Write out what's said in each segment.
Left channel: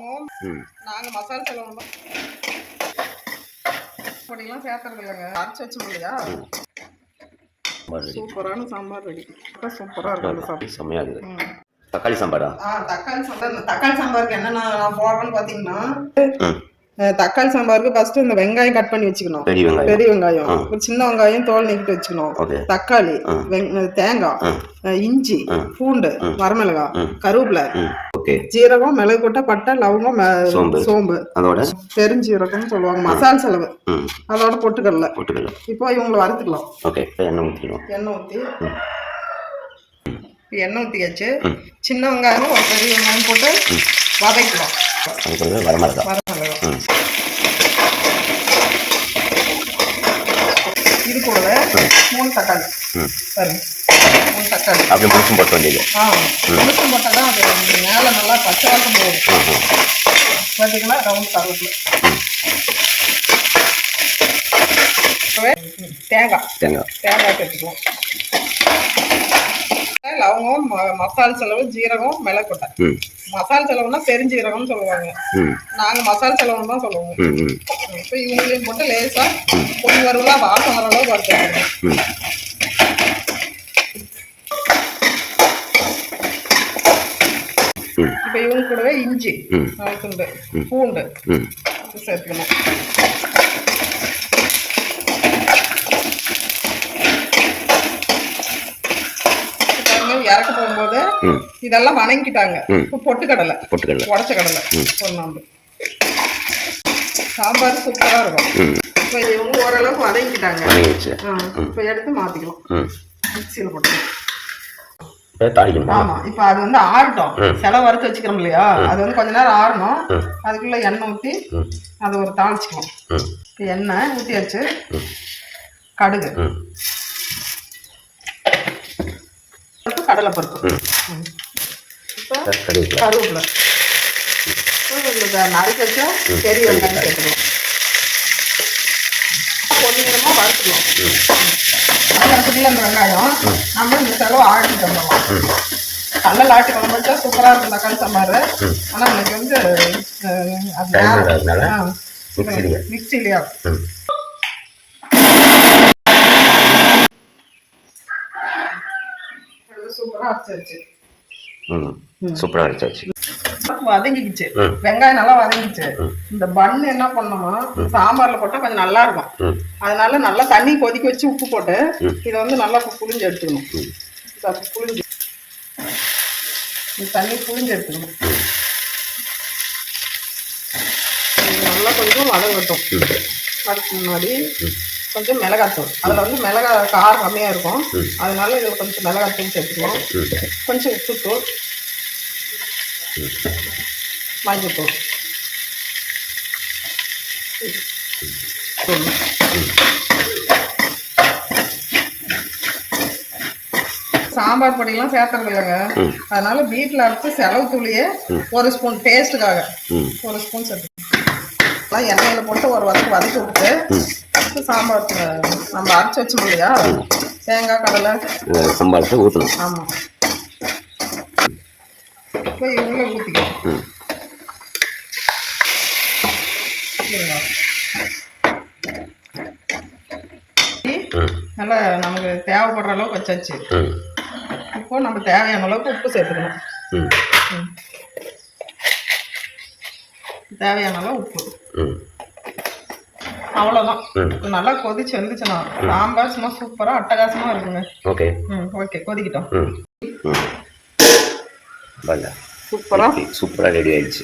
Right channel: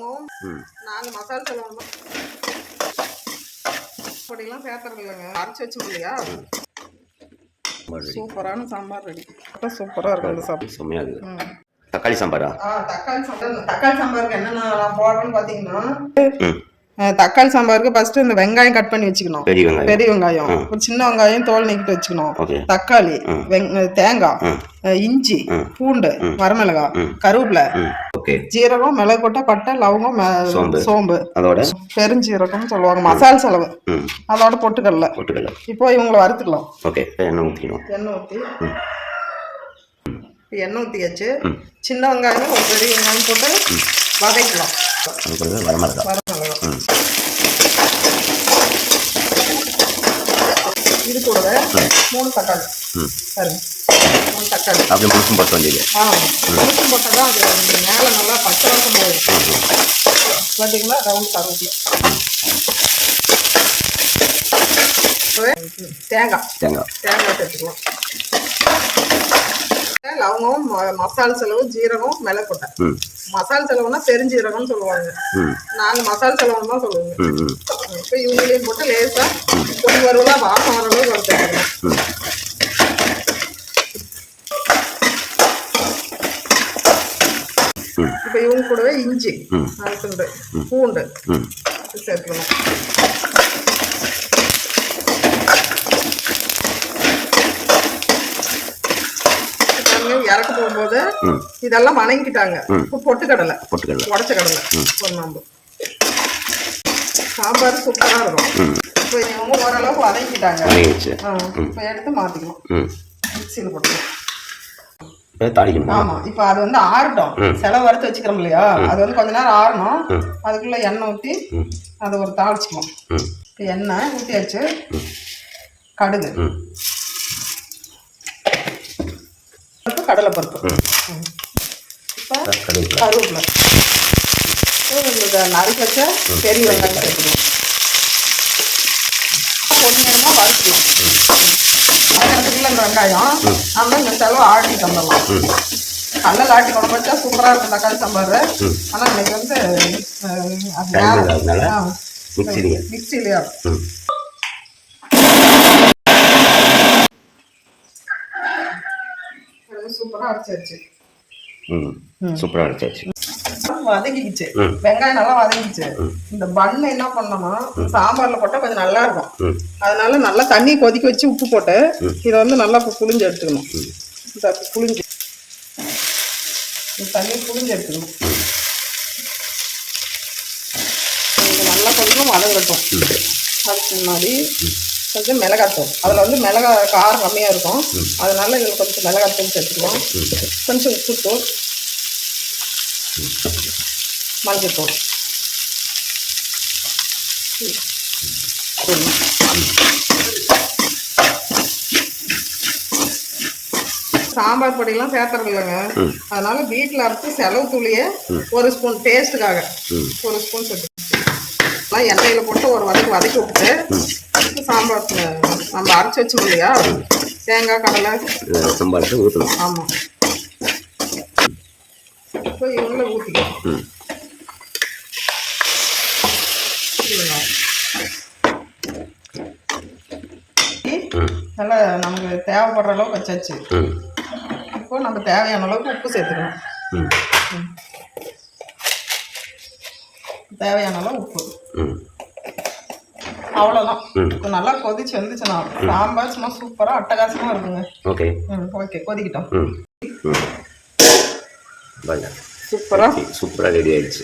லவங்கம் நாங்கள் மசாலா செலவு பொடியெல்லாம் சேர்த்துறது இல்லைங்க, அரைச்சி வச்சு இல்லையா. சூப்பரான சாம்பார் ரெடி. சூப்பராக இருக்கும் அந்த சாப்பாடு, செம்மையாக இருக்குது. தக்காளி சாம்பாரா? தக்காளி சாம்பாருக்கு என்னென்ன போடுறோன்னு பார்த்தீங்கன்னா, தக்காளி சாம்பாருக்கு ஃபர்ஸ்ட் இந்த வெங்காயம் கட் பண்ணி வச்சுக்கணும். பெரிய வெங்காயம், ஒரு சின்ன வெங்காயம் தோல் நீக்கிட்டு வச்சுக்கணும். தக்காளி, தேங்காய், இஞ்சி, பூண்டு, வரமிளகாய், கருவேப்பிலை, ஜீரகம், மிளகு கொட்டை, பட்டை, லவங்கம், சோம்பு, அதோட பெருஞ்சீரகம் சொல்லுவாங்க. மசாலா செலவு அதோட பொட்டுக்கடலை. இப்போ இவங்களை வறுத்துக்கலாம். எண்ணெய் ஊற்றியாச்சு. சின்ன வெங்காயம் ஒரு பெரிய வெங்காயம் போட்டு வதக்கலாம். இது கூடவே 3 தக்காளி பாருங்க, 3 தக்காளி அப்படி முழுசும் போட்ட வேண்டியது. முழுசும் போட்டால் தான் அது மேலே நல்லா பச்சை வாசம் போகும். பார்த்தீங்கன்னா ரவுண்ட் கருவேப்பிலை, தேங்காய் சேர்த்துக்கலாம். லவங்கம், மசாலா செலவு, ஜீரகம், மிளகு கொட்டை. மசாலா செலவுனா பெருஞ்சீரகம்னு சொல்லுவாங்க, நாங்கள் மசாலா செலவுன்னு தான் சொல்லுவோங்க. இப்போ இவங்களையும் போட்டு லேசாக கொஞ்சம் ஒரு வாசம் வர அளவுக்கு வறுத்துக்கணும். இப்போ இவங்க கூடவே இஞ்சி, துண்டு, பூண்டு சேர்த்துக்கணும். இறக்க போகும்போது இதெல்லாம் வணங்கிட்டாங்க. பொட்டுக்கடலை, உடச்ச கடலை ஒரு நாம்பு. சாம்பார் சூப்பரா இருக்கும். இப்போ இது இவங்க ஓரளவுக்கு வதங்கிட்டாங்க. இப்போ எடுத்து மாத்திக்கலாம், மிக்சியில் போட்டுக்கலாம். ஆமா, இப்போ அது வந்து ஆறட்டும். செலவு வறுத்து வச்சுக்கிறோம் இல்லையா, அது வந்து கொஞ்ச நேரம் ஆறணும். அதுக்குள்ள எண்ணெய் ஊற்றி அது ஒரு தாளிச்சுக்கலாம். எண்ணெய் ஊற்றியாச்சு, கடுகு, கடலை பருப்பு, இப்போ கருவேப்பிலை, உங்களுக்கு நறுக்கி வச்சா பெரிய வெங்காயம் சேர்த்துக்கலாம். கொஞ்சம் நேரமாக வறுத்துக்கலாம். அதுக்குள்ள இந்த வெங்காயம் நம்ம இந்த செலவு ஆட்டிட்டு வந்துடலாம். கடலை ஆட்டி குழம்பு வச்சா சூப்பராக இருக்கும் தக்காளி சாம்பார். ஆனால் இன்னைக்கு வந்து மிக்சிலேயே சூப்பரா அரைச்சாச்சு. வதங்கிடுச்சு, வெங்காயம் நல்லா வதங்கிடுச்சு. இந்த பண்ணு என்ன பண்ணோம்னா சாம்பார்ல போட்டா கொஞ்சம் நல்லா இருக்கும். அதனால நல்லா தண்ணி கொதிக்க வச்சு உப்பு போட்டு இதை வந்து நல்லா புளிஞ்சு எடுத்துக்கணும். புளிஞ்சு தண்ணி புளிஞ்சு எடுத்துக்கணும். நல்லா கொஞ்சம் வதங்கட்டும். அதுக்கு முன்னாடி கொஞ்சம் மிளகாத்தூள், அதில் வந்து மிளகாய் காரம் கம்மியாக இருக்கும், அதனால இதில் கொஞ்சம் மிளகாத்தூள் சேர்த்துக்கலாம். கொஞ்சம் உப்புத்தூள், மஞ்சத்தூள். சாம்பார் பொடியெல்லாம் சேர்த்துறது இல்லைங்க, அதனால வீட்டில் அரைச்சி செலவு தூளியே ஒரு ஸ்பூன் டேஸ்ட்டுக்காக ஒரு ஸ்பூன் சேர்த்து எண்ணெயில் போட்டு ஒரு வதக்கி விட்டு சாம்பார் நம்ம அரைச்சி வச்சோம் இல்லையா, தேங்காய், கடலை சாம்பார் ஊற்றணும். ஆமாம், இப்போ இவங்கள ஊற்றிக்கலாம். நல்லா நமக்கு தேவைப்படுற அளவுக்கு வச்சாச்சு. இப்போ நம்ம தேவையான அளவுக்கு உப்பு சேர்த்துக்கணும். தேவையான அளவு உப்பு, அவ்வளோதான். நல்லா கொதிச்சு வந்துச்சுன்னா சாம்பார் சும்மா சூப்பராக அட்டகாசமாக இருக்குங்க. ஓகே கொதிக்கிட்டோம். சூப்பராக ரெடி ஆயிடுச்சு.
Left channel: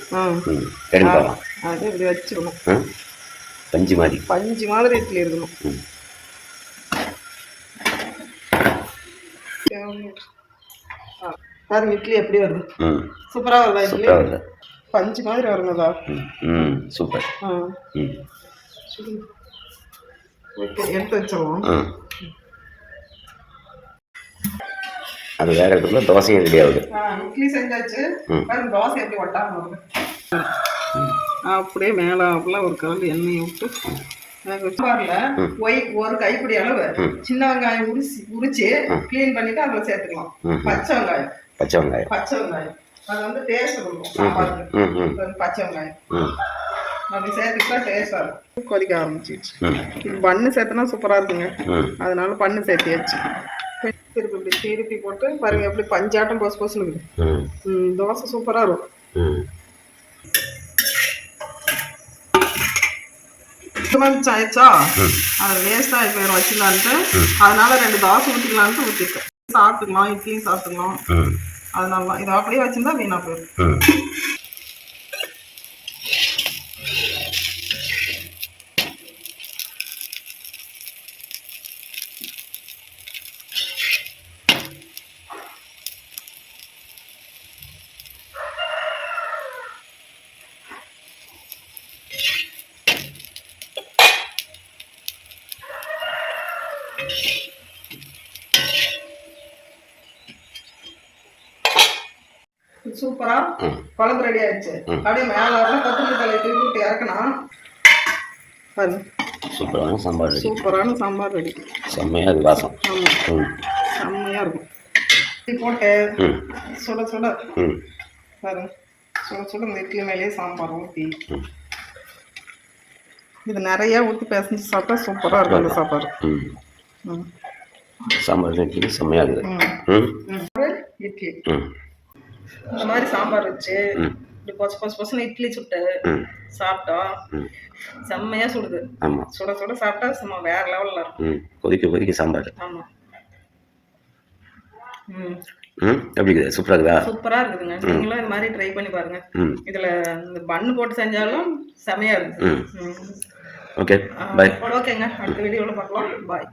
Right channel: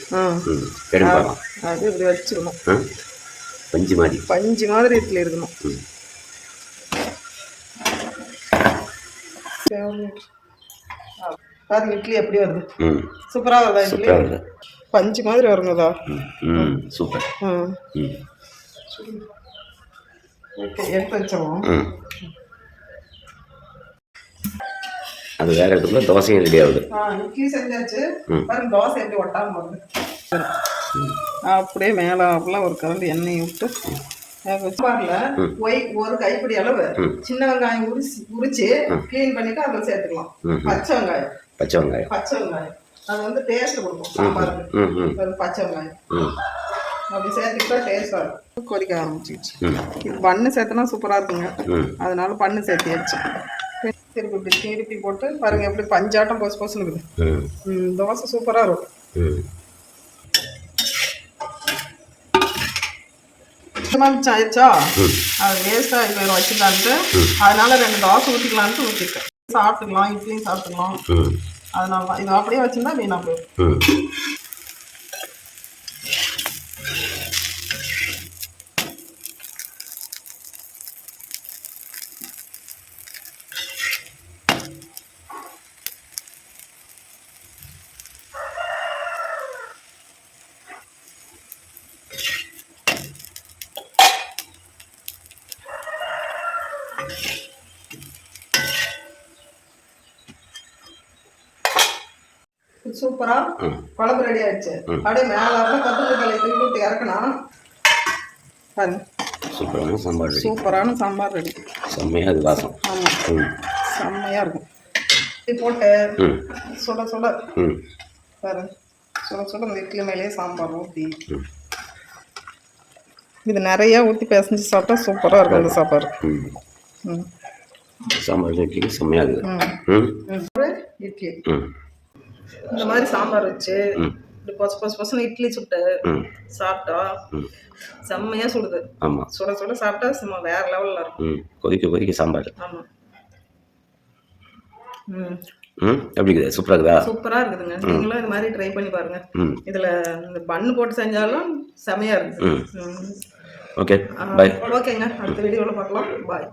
அது இப்படி வச்சுக்கணும். பஞ்சு மாதிரி இட்லி இருக்கணும். பாருங்க இட்லி எப்படி வருது, சூப்பராக வருதா இட்லி? பஞ்சு மாதிரி வருங்கதா. சூப்பர். ஓகே, எடுத்து வச்சோம். அது வேற இடத்துல தோசையும் ரெடி ஆகுது. இட்லி செஞ்சாச்சு. பாருங்க தோசை எப்படி ஒட்டாம வருது. அப்படியே மேலே அப்படிலாம் ஒரு கரண்டி எண்ணெய் விட்டு ஒரு கைப்பிடி அளவு சின்ன வெங்காயம் உரிச்சு கிளீன் பண்ணிட்டு அதில் சேர்த்துக்கலாம். பச்சை வெங்காயம் அது வந்து டேஸ்ட் கொடுக்கும் சாம்பாருக்கு. பச்சை வெங்காயம் அப்படி சேர்த்துக்கிட்டா டேஸ்டாக இருக்கும். கொதிக்க ஆரம்பிச்சிச்சு. பண்ணு சேர்த்துனா சூப்பராக இருக்குங்க. அதனால பண்ணு சேர்த்தியாச்சு. திருப்பி இப்படி திருப்பி போட்டு பாருங்க எப்படி பஞ்சாட்டம் பொசு பொசுன்னு இருக்குது. தோசை சூப்பராக இருக்கும். மிச்சம் ஆயிடுச்சா, அது வேஸ்டாக போயிடும் வச்சுக்கலான்ட்டு, அதனால 2 தோசை ஊற்றிக்கலான்ட்டு ஊற்றிருக்கேன். சாப்பிட்டுக்கலாம், இட்லியும் சாப்பிட்டுக்கலாம். அதனால தான் இது அப்படியே வச்சுருந்தா வீணாக போயிடும். சூப்பரா குழம்பு ரெடி ஆயிடுச்சு. அப்படியே மேல கொத்தமல்லி தலை தூக்கி விட்டு இறக்கணும். பாருங்க சூப்பரான சாம்பார் ரெடி. சூப்பரான சாம்பார் ரெடி. செம்மையா இருக்கு வாசம். ஆமா செம்மையா இருக்கும். இது போட்டு சுட சுட பாருங்க, சுட சுட இந்த இட்லி மேலேயே சாம்பார் ஊற்றி இது நிறைய ஊற்றி பிசைஞ்சு சாப்பிட்டா சூப்பராக இருக்கும் அந்த சாப்பாடு. சாம்பார் இட்லி செம்மையா இருக்குது. இட்லி இந்த மாதிரி சாம்பார் வச்சு இப்படி பொசு இட்லி சுட்டு சாப்பிட்டா செம்மையா சுடுது. ஆமா, சுட சுட சாப்பிட்டா சும்மா வேற லெவல்ல இருக்கும். கொதிக்க சாம்பார். ஆமா. எப்படி இருக்குது? சூப்பரா இருக்குதா? சூப்பரா இருக்குதுங்க. நீங்களும் இந்த மாதிரி ட்ரை பண்ணி பாருங்க. இதுல இந்த பன்னு போட்டு செஞ்சாலும் செமையா இருக்கு. Okay, bye. ஓகேங்க, அடுத்த வீடியோல பார்க்கலாம். பாய்.